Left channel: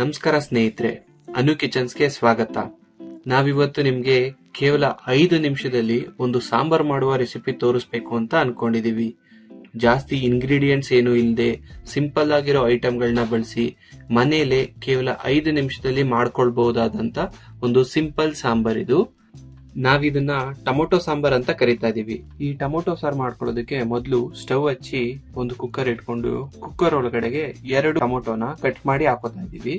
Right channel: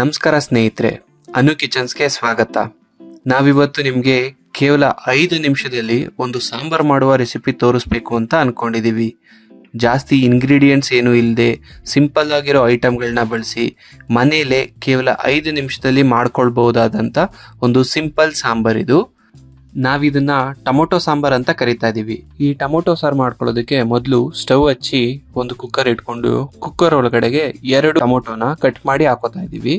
ನಮಸ್ಕಾರ ಸ್ನೇಹಿತರೆ, ಅನು ಕಿಚನ್ಸ್ಗೆ ಸ್ವಾಗತ. ನಾವಿವತ್ತು ನಿಮಗೆ ಕೇವಲ 5 ನಿಮಿಷದಲ್ಲಿ ಒಂದು ಸಾಂಬಾರ್ ಮಾಡುವ ರೆಸಿಪಿ ತೋರಿಸ್ಬೇಕು ಅಂತ ಅನ್ಕೊಂಡಿದ್ದೀವಿ. ಜಾಸ್ತಿ ಇಂಗ್ರೀಡಿಯೆಂಟ್ಸ್ ಏನು ಇಲ್ಲದೆ ಸಿಂಪಲ್ ಆಗಿರೋ ಐಟಮ್ಗಳನ್ನ ಬಳಸಿ ಮನೆಯಲ್ಲೇ ಕೇವಲ 5 ನಿಮಿಷದಲ್ಲಿ ಮಾಡ್ಕೊಳ್ಬಹುದಾದಂಥ ಒಂದು ಸಿಂಪಲ್ ಸಾಂಬಾರ್ ಇದು. ನಾವಿದನ್ನ ಟೊಮೊಟೊ ಸಾಂಬಾರ್ ಅಂತ ಕರಿತಾ ಇದೀವಿ. ಈ ಟೊಮೊಟೊ ಸಾರು ಮಾಡ್ಕೊಳ್ಳೋದಕ್ಕೆ ಮೊದಲು ಸ್ಟವ್ ಹಚ್ಚಿ ಒಂದು ಕುಕ್ಕರ್ ಇಟ್ಕೊಂಡು ಕುಕ್ಕರ್ ಒಳಗಡೆಗೆ 2 ಟೊಮೊಟೊನ ಕಟ್ ಮಾಡಿ ಹಾಕೋತಾ ಇದೀವಿ.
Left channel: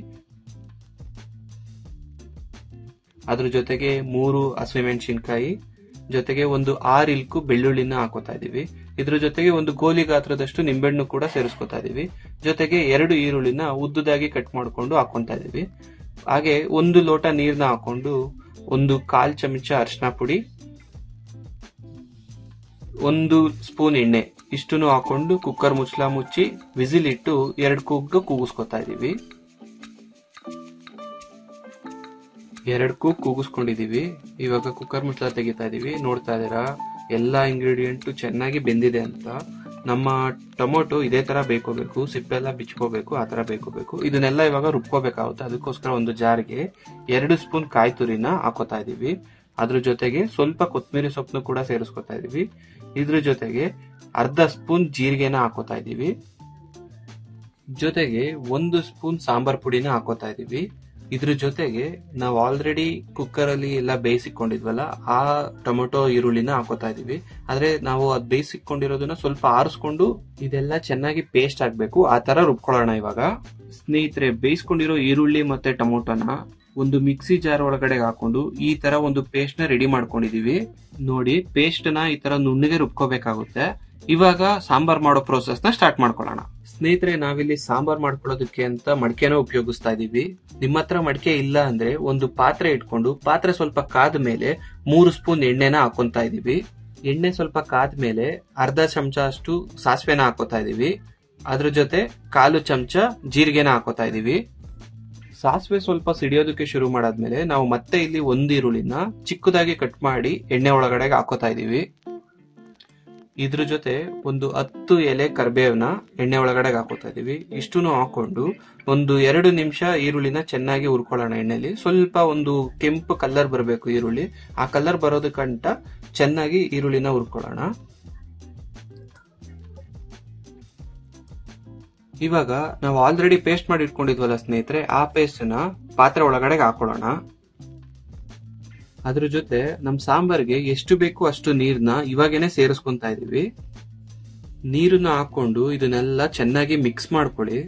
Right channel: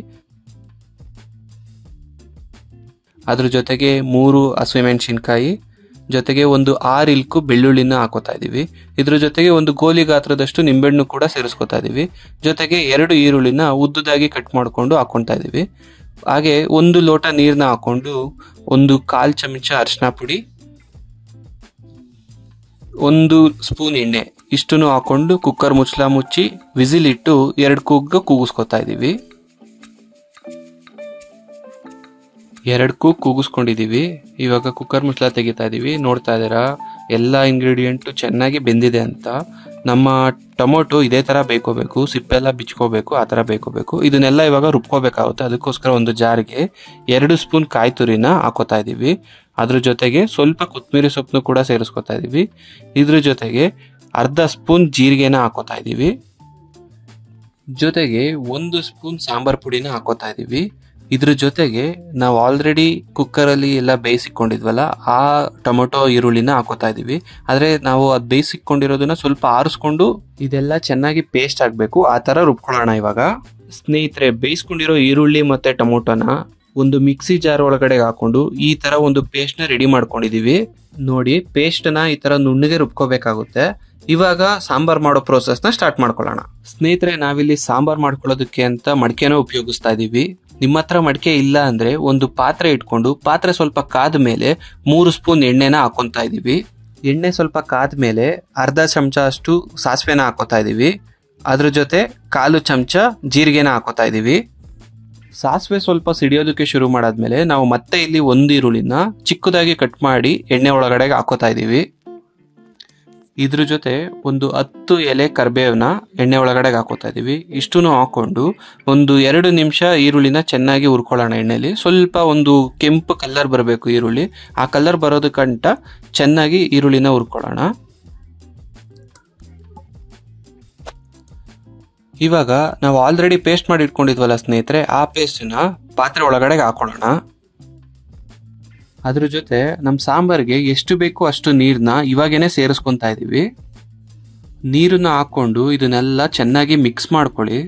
ಅದ್ರ ಜೊತೆಗೆ 3 ಹಸಿಮೆಣಸಿನಕಾಯಿ ಜೊತೆಗೆ ಒಂದು 6 ಇಲ್ಕು ಬೆಳ್ಳುಳ್ಳಿನ ಹಾಕೋತಾ ಇದೀವಿ. ಇದ್ರ ಜೊತೆಗೆ ಒಂದು ಗೋಲಿ ಗಾತ್ರದಷ್ಟು ನಿಂಬೆಹಣ್ಣು ಕೂಡ ಸೇರಿಸ್ಕೊತಾ ಇದೀವಿ. ಜೊತೆಗೆ 2 ಈರುಳ್ಳಿನ ಉದ್ದುದಾಗಿ ಕಟ್ ಮಾಡ್ಕೊಂಡು ಹಾಕೊತಾ ಇದೀವಿ. ಹಾಗೆ 1 ಲೋಟ ನೀರನ್ನ ಹಾಕೊಂಡು 1/4 ಚಮಚ ಅರಿಶಿನ ಪುಡಿ, 1 ಸ್ಪೂನ್ ಎಣ್ಣೆ ಇಷ್ಟನ್ನು ಹಾಕೊಂಡು ಕುಕ್ಕರ್ ಮುಚ್ಚಳ ಮುಚ್ಚಿ ವಿಸಿಲ್ ಇಟ್ಟು 2 ಕೂಗ್ ಕೂಗಿಸ್ಕೊತಾ ಇದೀವಿ. 2 ಕೂಗ್ ಕೂಗಿಸ್ಕೊಂಡಿದೀವಿ. ಇವಾಗ ಕುಕ್ಕರ್ ಮುಚ್ಚಳ ತೆಗಿತಾ ಇದೀವಿ. ನೋಡ್ತಾ ಇದ್ದೀರಾ ಎಲ್ಲ ಇಂಗ್ರೀಡಿಯೆಂಟು ಚೆನ್ನಾಗಿ ಬೆಂದಿದೆ ಅಂತ. ನಮ್ಮ ಟೊಮೊಟೊ ಇದೇ ಥರ ಬೇಕೋಬೇಕು, ಸಿಪ್ಪೆಲ್ಲ ಬಿಚ್ಕೋಬೇಕು, ಆ ಥರ ಬೇಕೋಬೇಕು. ಇದನ್ನೆಲ್ಲ ಇವಾಗ ರುಬ್ಕೋಬೇಕಾಗುತ್ತೆ. ಅದಕ್ಕೋಸ್ಕರ ಒಂದು ಜಾರಿಗೆ 2 ಸ್ಪೂನ್ ಕಾಯಿ ತುರಿನ ಹಾಕೋತಾ ಇದ್ದೀವಿ. ಅದ್ರ ಜೊತೆಗೆ ಸ್ವಲ್ಪ ಕೊತ್ತಂಬರಿ ಸೊಪ್ಪನ್ನು ಕೂಡ ಸೇರಿಸ್ಕೊತಾ ಇದ್ದೀವಿ. ಇದ್ರ ಜೊತೆಗೆ ಅರ್ಧ ಸ್ಪೂನ್ ಜೀರಿಗೆನ ಹಾಕೋತಾ ಇದ್ದೀವಿ. ಜೊತೆಗೆ 1 ಸ್ಪೂನ್ ಸಾಂಬಾರ್ ಪುಡಿನ ಹಾಕೋತಾ ಇದ್ದೀವಿ. ಇದ್ರ ಜೊತೆಗೆ ನಾವು ಆಲ್ರೆಡಿ ಕುಕ್ಕರಲ್ಲಿ ಎಲ್ಲ ಬೇಯಿಸಿಕೊಂಡಿದ್ವಲ್ಲ ಆ ಟೊಮೊಟೊ ಈರುಳ್ಳಿನ ಹಾಕೋತಾ ಇದೀವಿ. ಆದರೆ ನಾವು ಅದು ಬೇಯಿಸಿಕೊಂಡಿರೋದನ್ನ ಸ್ವಲ್ಪ ಆರಿಸ್ಕೊಂಡು ಇದೆಲ್ಲ ಚೆನ್ನಾಗಿ ಪೇಸ್ಟ್ ಆಗಬೇಕು, ಆ ಥರ ರುಬ್ಕೊಳ್ಳೋಣ. ಇವಾಗ ಸ್ನೇಹಿತರೆ, ಬೇಯಿಸ್ಕೊಂಡಿರೋ ಈರುಳ್ಳಿ ಮತ್ತು ಟೊಮೊಟೊನ ಒಂದು ಮಿಕ್ಸಿ ಜಾರ್ ಒಳಗಡೆ ಹಾಕೊಂಡು ಈ ಥರ ಒಂದು ಪೇಸ್ಟ್ನ ರೆಡಿ ಮಾಡ್ಕೊಂಡಿದ್ದೀವಿ. ನೋಡಿ, ಪೇಸ್ಟ್ನ ಈ ಥರ ನುಣ್ಣಗೆ ರುಬ್ಕೋಬೇಕಾಗುತ್ತೆ. ಇವಾಗ ಸಾಂಬಾರ್ ಮಾಡೋ ಪ್ರೋಸೆಸ್ನ ಸ್ಟಾರ್ಟ್ ಮಾಡ್ಕೊಳ್ಳೋಣ. ಸ್ನೇಹಿತರೆ, ನಾವಿಲ್ಲಿ ಸಾಂಬಾರ್ ಮಾಡ್ಕೊಳ್ಳೋದಕ್ಕೆ ಅಂತ ಮಡಿಕೆನ ಉಪಯೋಗಿಸ್ತಾ ಇದೀವಿ. ನಿಮ್ಮ ಹತ್ರ ಮಡಿಕೆ ಇಲ್ಲ ಅಂದ್ರೆ ಒಂದು ಪಾತ್ರೆ ಇಟ್ಕೊಂಡು ಪಾತ್ರೆ ಸ್ವಲ್ಪ ಕಾದ ಮೇಲೆ 3 ಸ್ಪೂನ್ ಎಣ್ಣೆನ ಹಾಕೊಂತಾ ಇದೀವಿ. ಎಣ್ಣೆ ಸ್ವಲ್ಪ ಕಾದ ಮೇಲೆ ಅರ್ಧ ಚಮಚ ಅಷ್ಟು ಸಾಸಿವೆನ ಹಾಕೋತಾ ಇದೀವಿ. ಅದ್ರ ಜೊತೆ 1/4 ಚಮಚ ಜೀರಿಗೆನ ಹಾಕೋತಾ ಇದೀವಿ. ಸಾಸಿವೆ ಸ್ವಲ್ಪ ಸಿಡಿಯೋದಕ್ಕೆ ಶುರು ಮಾಡಾದ್ಮೇಲೆ ನಾವು ಮತ್ತೆ ಇಲ್ಲಿ 1 ಈರುಳ್ಳಿನ ಚಿಕ್ಕದಾಗಿ ಕಟ್ ಮಾಡಿ ಎಣ್ಣೆ ಒಳಗಡೆಗೆ ಹಾಕೋತಾ ಇದೀವಿ. ಇದ್ರ ಜೊತೆ ಒಂದು 10 ಎಲೆ ಕರಿಬೇವನ್ನ ಎಣ್ಣೆ ಒಳಗಡೆ ಹಾಕೋತಾ ಇದೀವಿ. ಇಷ್ಟನ್ನು ಹಾಕೊಂಡು ಒಂದು 2 ನಿಮಿಷ ಈರುಳ್ಳಿನ ಚೆನ್ನಾಗಿ ಹುರ್ಕೊಳ್ಳೋಣ ಎಣ್ಣೆಲಿ. ಸ್ವಲ್ಪ ಒಂದು ಕೆಂಪು ಕಲರ್ ಬರಬೇಕು ಈರುಳ್ಳಿ. ಆ ಕಲರ್ ಬರೋದಕ್ಕಂಟ ಚೆನ್ನಾಗಿ ಈರುಳ್ಳಿನ ಹುರ್ಕೊಳ್ಳೋಣ. ಇವಾಗ ನಾವು ಆಲ್ರೆಡಿ ಪೇಸ್ಟ್ ಮಾಡಿ ಇಟ್ಕೊಂಡಿದ್ವಲ್ಲ ಸ್ನೇಹಿತರೆ, ಆ ಪೇಸ್ಟ್ನ ಪಾತ್ರೆ ಒಳಗಡೆ ಹಾಕೊಳ್ಳೋಣ. ಅದ್ರ ಜೊತೆ ನಮ್ಮ ಸಾಂಬಾರ್ಗೆ ಎಷ್ಟು ಬೇಕೋ ಅಷ್ಟು ನೀರನ್ನ ಇವಾಗೇನೆ ಸೇರಿಸ್ಕೊತಾ ಇದೀವಿ. ನೀರನ್ನ ಹಾಕೊಂಡು ಇದನ್ನೆಲ್ಲ ಚೆನ್ನಾಗಿ ಮಿಕ್ಸ್ ಮಾಡ್ಕೊಳ್ಳಿ.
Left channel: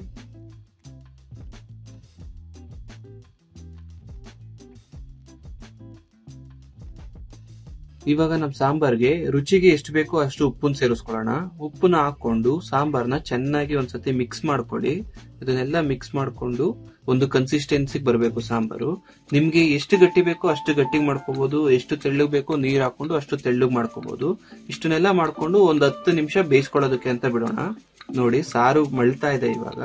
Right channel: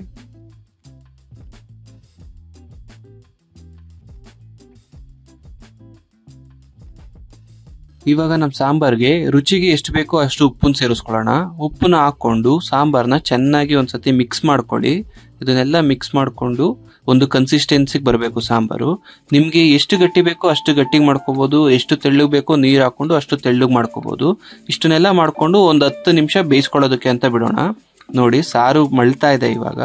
ಇವಾಗ ನಮ್ಮ ಸಾಂಬಾರ್ಗೆ ರುಚಿಗೆ ಎಷ್ಟು ಬೇಕೋ ಅಷ್ಟು ಉಪ್ಪನ್ನು ಸೇರಿಸ್ಕೊಳ್ಳೋಣ. ಉಪ್ಪನ್ನ ಹಾಕೊಂಡು ಸಾಂಬಾರ್ನ ಚೆನ್ನಾಗಿ ಒಂದ್ಸತಿ ಮಿಕ್ಸ್ ಮಾಡ್ಕೊಳ್ಳಿ. ಇದನ್ನೆಲ್ಲ ಮಿಕ್ಸ್ ಮಾಡಿಕೊಂಡು ಒಂದು ಕನ್ಸಿಸ್ಟೆನ್ಸಿಗೆ ಬರಬೇಕು ಸಾಂಬಾರು. ನಿಮಗೆ ಎಷ್ಟು ಗಟ್ಟಿ ಬೇಕೋ ಅಷ್ಟು ಗಟ್ಟಿಗೆ ಮಾಡ್ಕೋಬಹುದು, ಎಷ್ಟು ತೆಳ್ಳಗೆ ಬೇಕೋ ನೀರು ಹಾಕೊಂಡು ಅಷ್ಟು ತೆಳ್ಳಗೆ ಮಾಡ್ಕೋಬಹುದು. ಇಷ್ಟನ್ನೆಲ್ಲ ಮಾಡ್ಕೊಂಡು ಒಂದು 10 ನಿಮಿಷ ಬೇಯಿಸ್ಕೊಳ್ಳೋದಕ್ಕೆ ಅಂತ ಬಿಡೋಣ. ನೋಡಿ, ಸಾರು ಮಳ್ತಾ ಇದೆ. ಇವಾಗ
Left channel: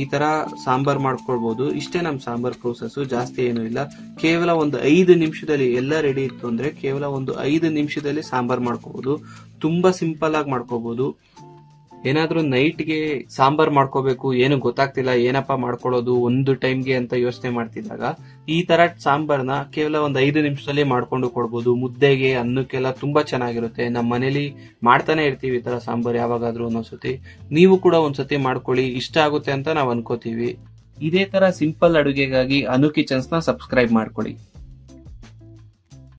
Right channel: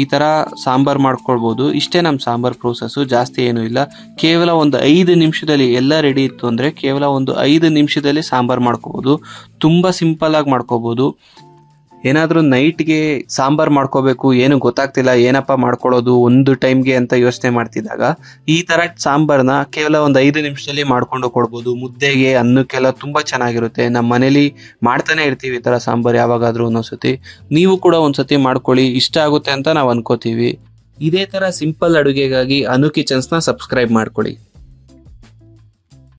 ಈ ಥರ ಸಾಂಬಾರು ಮಾಡ್ಕೊಳ್ಬೋದು. ಇಷ್ಟೇ ನಮ್ಮ ಸಾಂಬಾರ್ ಪ್ರೋಸೆಸ್ಸು, ಜಾಸ್ತಿ ಏನೂ ಇಲ್ಲ. ಕೇವಲ ಒಂದು 5 ನಿಮಿಷದಲ್ಲಿ ಎಲ್ಲ ರೆಡಿ ಇತ್ತು ಅಂದರೆ ಕೇವಲ ಒಂದು 5 ನಿಮಿಷದಲ್ಲಿ ಸಾಂಬಾರು ಮಾಡ್ಕೋಬೋದು. ತುಂಬ ಸಿಂಪಲ್ಲಾಗಿ ಮಾಡ್ಕೋಬೋದು. ಏನಾದರೂ ನೈಟ್ಗೆ ಸಾಂಬಾರು ಮಾಡ್ಕೋಬೇಕು, ಏನು ಗೊತ್ತಾಗ್ತಿಲ್ಲ, ಏನಪ್ಪ ಮಾಡ್ಕೊಳ್ಳೋದು ಒಂದು ಟೈಮ್ಗೆ ಅಂತ ಯೋಚನೆ ಮಾಡ್ತಿದ್ದಾಗ ಈ ಥರ ಸಾಂಬಾರನ್ನ ಕೇವಲ ಒಂದು 5 ನಿಮಿಷದಲ್ಲಿ ಮಾಡ್ಕೊಂಡು ಕೊಡ್ಬೋದು. ಮುದ್ದೆಗೆ, ಅನ್ನಕ್ಕೆಲ್ಲ ತುಂಬ ಚೆನ್ನಾಗಿರುತ್ತೆ. ನಮ್ಮ ಮನೇಲಿ ಮಾಡ್ತಾನೆ ಇರ್ತೀವಿ ಈ ಥರ ಸಾಂಬಾರು ಯಾವಾಗಾದರೂ ಒಂದೊಂದ್ಸತಿ. ನೀವು ಕೂಡ ಒಂದ್ಸತಿ ಮಾಡ್ಕೊಳ್ಳಿ, ಇಷ್ಟ ಆಗುತ್ತೆ ಅಂತ ನಾವು ಅನ್ಕೋತೀವಿ. ಇದೇ ಥರ ಸಿಂಪಲ್ ಅಡುಗೆಗಾಗಿ ಅನು ಕಿಚನ್ಸ್ನ ಸಬ್ಸ್ಕ್ರೈಬ್ ಮಾಡ್ಕೊಳ್ಳಿ.